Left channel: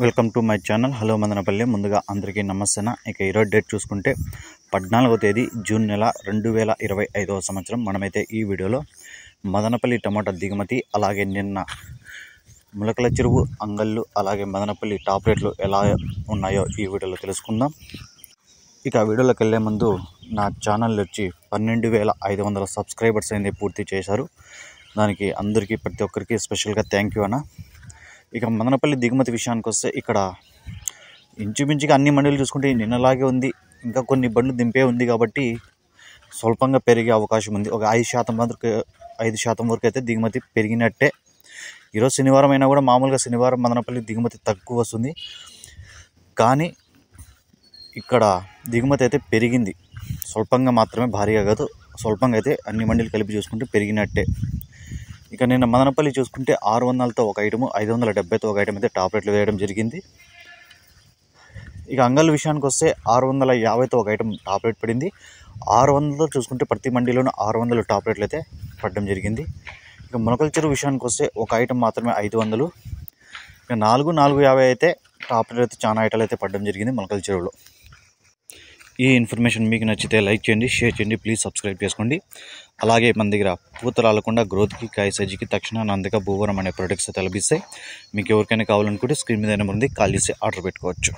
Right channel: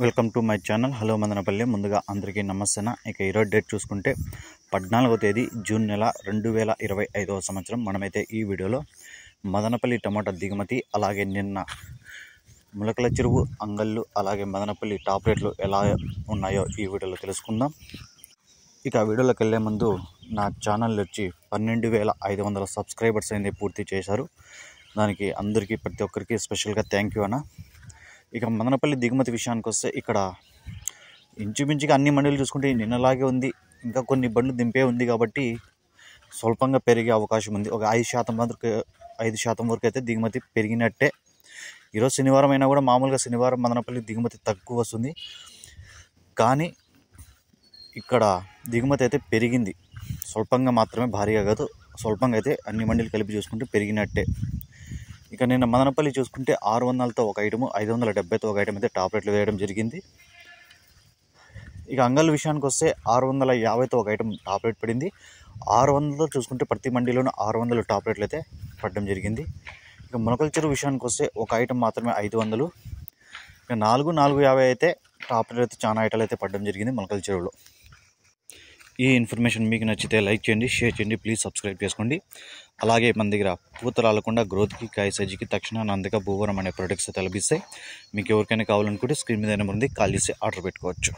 Welcome to my channel. Hello Madanapalle. ముందుగా అందరికీ నమస్తే. ఇక ఈరోజు డేట్ చూసుకుంటే 14వ తేదీ జూన్ నెల 2025వ సంవత్సరం. మనమైతే ఈ వీడియోలో మదనపల్లి టమాటా దిగుమతి, అలాగే నిన్న ములకల చెరువు, అంగళ్ళు, అలాగే మదనపల్లి టాప్ రేట్లు ఎలా ఉన్నాయో ఈ వీడియోలో తెలుసుకుందాం. ఇక వీడియోలోకి వెళ్ళే ముందు నా ఛానల్ వచ్చి 12,500 సబ్స్క్రైబర్స్ అనేది పూర్తి చేశారు. దానికి అందరికీ ప్రతి ఒక్కరికి స్పెషల్గా థ్యాంక్ యూ అన్న. ఇక మదనపల్లి దిగుమతి విషయానికి వస్తే ఇక్కడ ఇంచుమించుగా అన్ని మండీలు చూసుకుంటే నిన్నలాగే ఉంది. ఇంకా కొన్ని బండ్లు దింపే ఉంది కాబట్టి స్వల్పంగా పెరిగే అవకాశం ఉంది. ఒక 5% వరకు అయితే దిగుమతి పెరిగినట్టే. ఈరోజు శనివారం అయినా కూడా మామూలుగా శనివారం మదనపల్లి దిగుమతి తక్కువ వస్తుంది, కానీ ఇక్కడ దిగుమతి అయితే పెరిగింది. స్వల్పంగా మాత్రమే, భారీగా కాదు, స్వల్పంగా అయితే అన్ని మండీలు కలిపి చూసుకుంటే పెరిగినట్టే. ఇక నిన్న మదనపల్లి చూసుకుంటే 600తో ఒక ఐటము, 570తో ఒక ఐటమ్ అయితే టాప్ రేట్లు వేయడం జరిగింది. ఇక అంగళ్ళ విషయానికి వస్తే 650తో ఒక ఐటమ్ టాప్ రేట్ పడింది. 600తో చూసుకుంటే ప్రతి మండీలోనూ 600 టాప్ రేట్లు అయితే పడడం జరిగింది. ఇక ములకల చెరువు విషయానికి వస్తే ఒక ఐటమ్ మాత్రమే 500. ఇక 450 అయితే టాప్ రేట్ అయితే చాలా ఐటాలు అయితే పడడం జరిగింది ములకల చెరువులో. ఈ ఇన్ఫర్మేషన్ మీకు నచ్చితే లైక్ చేయండి, షేర్ చేయండి, ప్లీజ్ సబ్స్క్రైబ్ చేసుకోండి. అలాగే మన దగ్గర పూత రాలకుండా గ్రోత్కి, కాయ సైజుకి తక్షణ నందిక భూవరం అనే ప్రొడక్ట్స్ అయితే లభిస్తాయి. మీకు ఎవరికైనా కావాలనుకుంటే స్క్రీన్ మీద నెంబర్ ఉంది, కాల్ చేసి ఆర్డర్ పెట్టుకోవచ్చు.